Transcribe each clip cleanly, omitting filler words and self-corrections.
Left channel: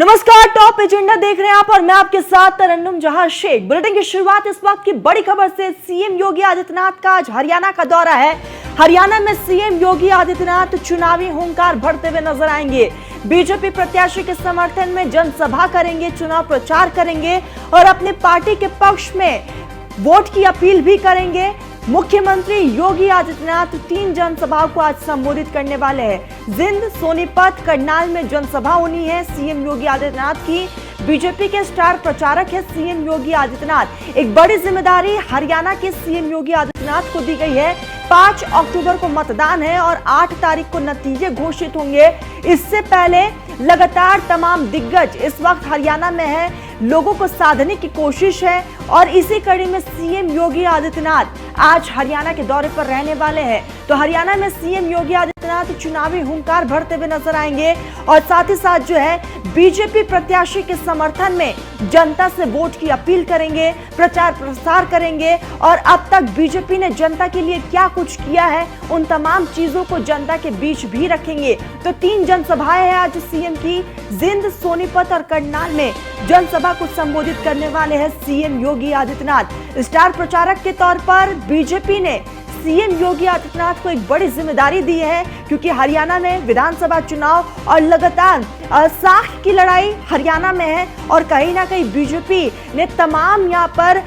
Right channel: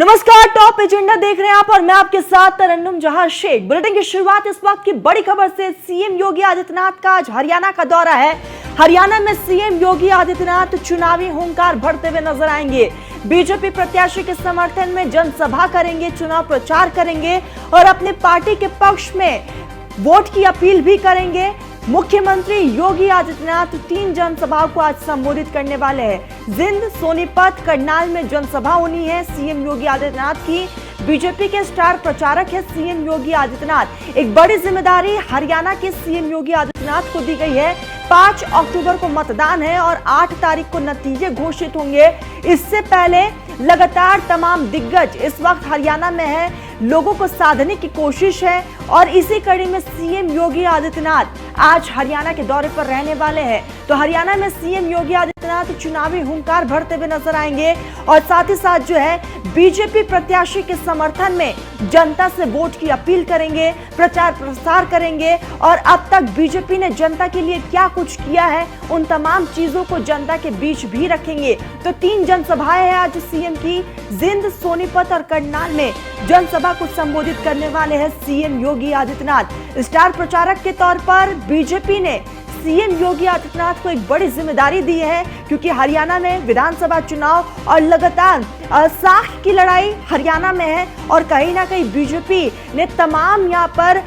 नमस्कार, top agenda देख रहे हैं आप और मैं आपके साथ तरन्नुम जहां शेख। बुलेटिन की शुरुआत इस वक्त की बड़ी खबर से। सीएम योगी आदित्यनाथ का आज हरियाणा का दौरा है। हरियाणा में सीएम योगी आदित्यनाथ चुनावी हुंकार भरते हुए नजर आएंगे। बीजेपी प्रत्याशी के समर्थन में जनसभा करेंगे, चुनाव प्रचार करेंगे और अपनी पार्टी के पक्ष में वोट की अपील भी करेंगे। मुख्यमंत्री योगी आदित्यनाथ 3 जनसभाओं को आज संबोधित करने वाले हैं। जिंद, सोनीपत, करनाल में जनसभा होनी है सीएम योगी आदित्यनाथ की। बीजेपी के स्टार प्रचारक है सीएम योगी आदित्यनाथ। एक बड़ी जिम्मेदारी हरियाणा के सीएम योगी आदित्यनाथ को दी गई है। 5 अक्टूबर को मतदान है और 8 तारीख को नतीजे घोषित होंगे। इससे पहले लगातार तमाम दिग्गज इस वक्त हरियाणा में है, लोगों को साधने की कोशिश है और इसी कड़ी में सीएम योगी आदित्यनाथ आज हरियाणा के दौरे पर रहने वाले हैं। तो हरियाणा में सीएम योगी आदित्यनाथ चुनावी हुंकार भरते हुए नजर आएंगे और साथ ही साथ जो है बीजेपी प्रत्याशी के समर्थन में जनता से वोट की अपील करेंगे, प्रचार प्रसार करेंगे और अब तक बीजेपी ने जनता के लिए क्या कुछ किया है उन तमाम चीजों को जनता के बीच भी रखेंगे। तो 3 जनसभाएं हैं आज सीएम की। जिंद, सोनीपत और करनाल में जनसभा को संबोधित करने वाले हैं सीएम योगी आदित्यनाथ। स्टार प्रचारक के तौर पर बीजेपी ने सीएम योगी आदित्यनाथ को एक बड़ी जिम्मेदारी दी है, क्योंकि हरियाणा में विधानसभा चुनाव और लगातार साख की लड़ाई हरियाणा में है और कहीं ना कहीं बीजेपी ने तमाम यहाँ पर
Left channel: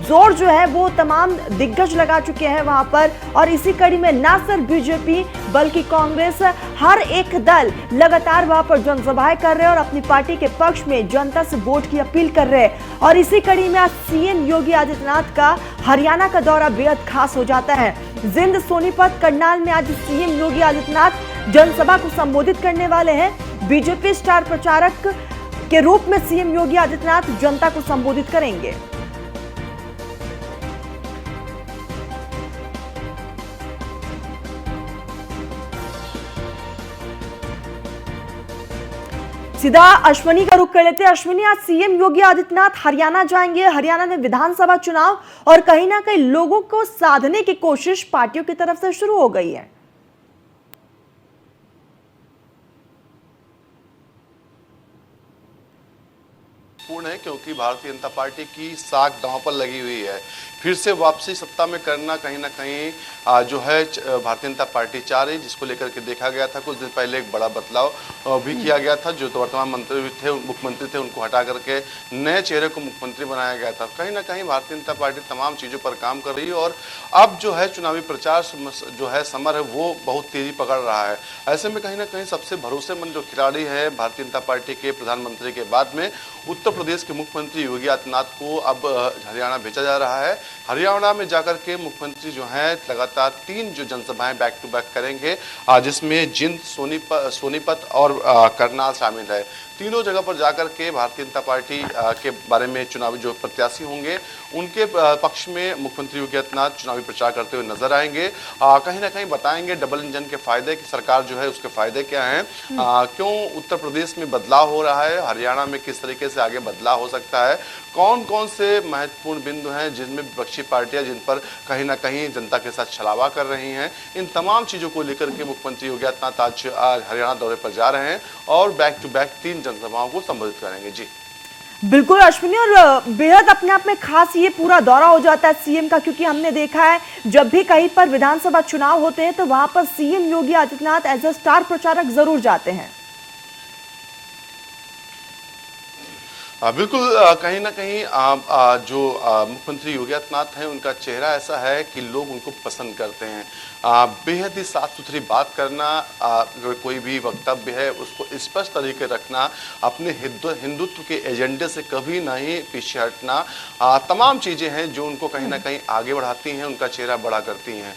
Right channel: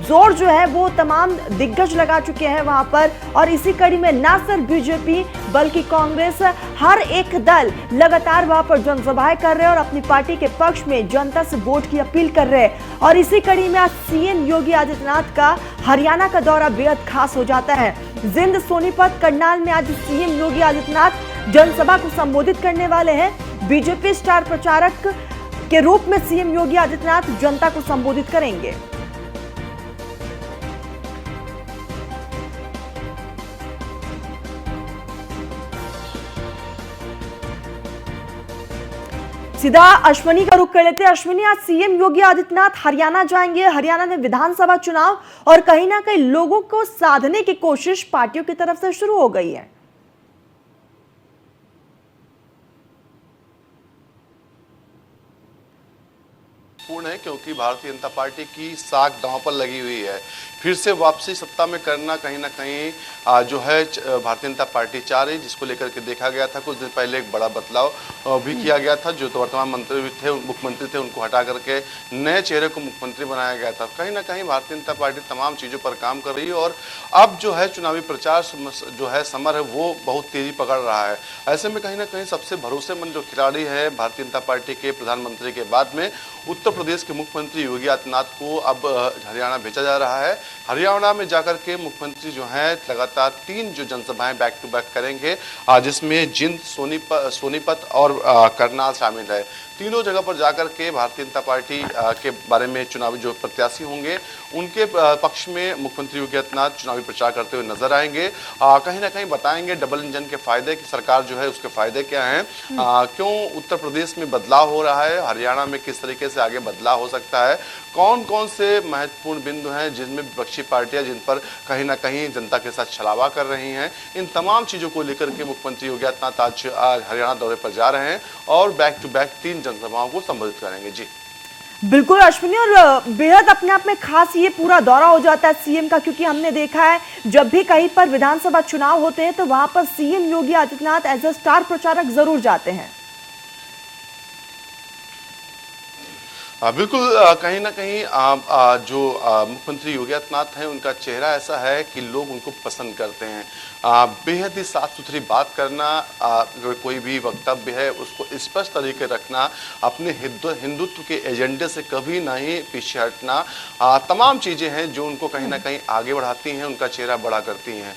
जोर जो है वो तमाम दिग्गज लगा चुके हैं वहां पर। और इसी कड़ी में ना सिर्फ बीजेपी बल्कि कांग्रेस, हर एक दल लगातार वहां पर जनसभाएं कर रहे हैं और अपनी पार्टी के पक्ष में जनता से वोट की अपील कर रहे हैं। और इसी कड़ी में आज सीएम योगी आदित्यनाथ का हरियाणा का दौरा बेहद खास हो जाता है। जिंद, सोनीपत, करनाल में आज सीएम योगी आदित्यनाथ जनसभा को संबोधित करने वाले हैं। बीजेपी स्टार प्रचारक के रूप में सीएम योगी आदित्यनाथ जनता को संबोधित करेंगे। सीधा अश्विनी का रुख कर लेते हैं। अश्विनी, आज सीएम योगी आदित्यनाथ हरियाणा जाएंगे। हरियाणा में विधानसभा चुनाव और कहीं ना कहीं लोगों को साधने की कोशिश पार्टियों की तरफ से शुरू हो गई है। पूर्ण है, क्योंकि भारतीय जनता पार्टी की साख दांव पर लगी हुई है। फिर से वापसी सत्ता में करना कहीं ना कहीं जो है भारतीय जनता पार्टी चाह रही, जिसको लेकर के देखा गया था कुछ दिन पहले एक बड़ा बदलाव भी किया गया था। जो तो वर्तमान मुख्यमंत्री थे उनको हटा करके नए चेहरे को मुख्यमंत्री बनाया गया था। कहीं ना कहीं भारतीय जनता पार्टी तमाम चीज़ों पर काम कर रही है और अब जो है चुनावी प्रचार जो है समर है वो बहुत तेजी पकड़ रहा है। ऐसे में कहीं ना कहीं सबसे भरोसेमंद जो खिलाड़ी है भारतीय जनता पार्टी के प्रधानमंत्री के बाद में उत्तर प्रदेश के मुख्यमंत्री योगी आदित्यनाथ को अब हरियाणा भेजा जा रहा है। हरियाणा में जाकर के मुख्यमंत्री जो हैं लगातार 3 जो जनसभाएं बैक टू बैक करेंगे, जिसमें जिंद, सोनीपत और करनाल शामिल है। तीनों जगह पर जाकर के भारतीय जनता पार्टी के बारे में चुनावी जो प्रत्याशी होंगे उनके पक्ष में मुख्यमंत्री योगी आदित्यनाथ चुनावी प्रचार करते हुए नजर आएंगे। कहीं ना कहीं बताएंगे डबल इंजन के फायदे की सरकार जो है उसके फायदे क्या हैं, क्यों उत्तर प्रदेश में बदलाव हो रहा है, हरियाणा में किस तरीके से आगे बदलाव हो सकता है, कौन कौन से महत्वपूर्ण बिंदु हैं जिनमें विपक्षी पार्टियां जिन पर कहीं ना कहीं जनता के साथ छलावा कर रही हैं। इन तमाम चीजों को लेकर के मुख्यमंत्री योगी आदित्यनाथ आज हरियाणा दौरे पर जा रहे हैं और बैक टू बैक 3 जनसभाओं को संबोधित करेंगे। जी बिल्कुल अश्विनी, और बेहद अपने आप में खास ये पूरा दौरा हो जाता है सीएम का, क्योंकि हमने देखा है जब भी कहीं पर विधानसभा चुनाव होते हैं तो वहां पर CM Yogi Adityanath as a star प्रचारक जरूर जाते हैं। बिल्कुल, कहीं ना कहीं जो मुख्यमंत्री योगी आदित्यनाथ हैं उनका चेहरा ऐसा है कि लोग उनको पसंद करते हैं। बेहद ही साफ सुथरी बात करना, अगर कोई भी वक्तव्य है उसको स्पष्ट तरीके रखना, अपने हिंदुत्व के एजेंडे से कभी नहीं पीछे हटना, तमाम चीज़ें हैं जो उनको कहीं ना कहीं आगे बढ़ाती हैं, उनका चेहरा बड़ा करती हैं।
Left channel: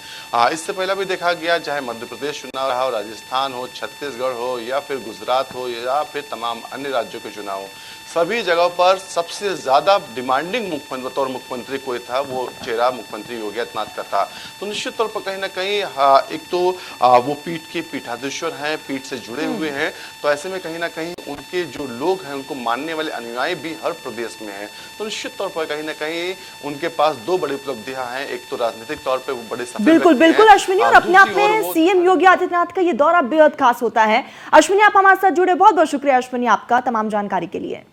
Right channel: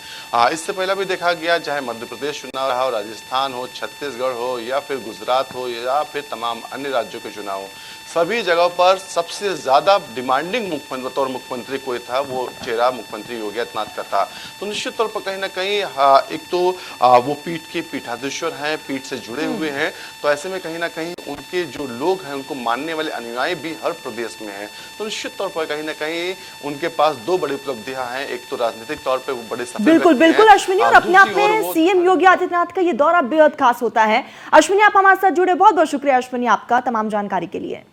इससे पहले भी देखा गया, चाहे मध्य प्रदेश चुनाव रहा हो, राजस्थान हो, छत्तीसगढ़ हो या फिर गुजरात हो या फिर तमाम अन्य राज्यों के चुनाव हो, सभी जगह पर सबसे ज्यादा डिमांडिंग मुख्यमंत्री कोई था वो चेहरा मुख्यमंत्री योगी आदित्यनाथ का था। तो निश्चित तौर पर कहीं ना कहीं एक तो वो पीठ के पीठाधीश्वर हैं, पीठ से जुड़े हुए हैं, तो ऐसे में कहीं न कहीं उनके जो लोग हैं, उनको मानने वाले अनुयायी भी हर प्रदेश में हैं। तो निश्चित तौर पर कहीं न कहीं उनके पास 2 बड़ी उपलब्धियाँ हैं, एक तो राजनीतिक तौर पे वो बड़े सफल बिल्कुल व्यक्ति बिल्कुल हैं, अश्विनी, और अपने आप दूसरी ओर में वो सीएम योगी आदित्यनाथ का ये दौरा बेहद खास होता है। अश्विनी, आप हमारे साथ जुड़े, बहुत बहुत शुक्रिया अश्विनी आपका तमाम जानकारी के लिए।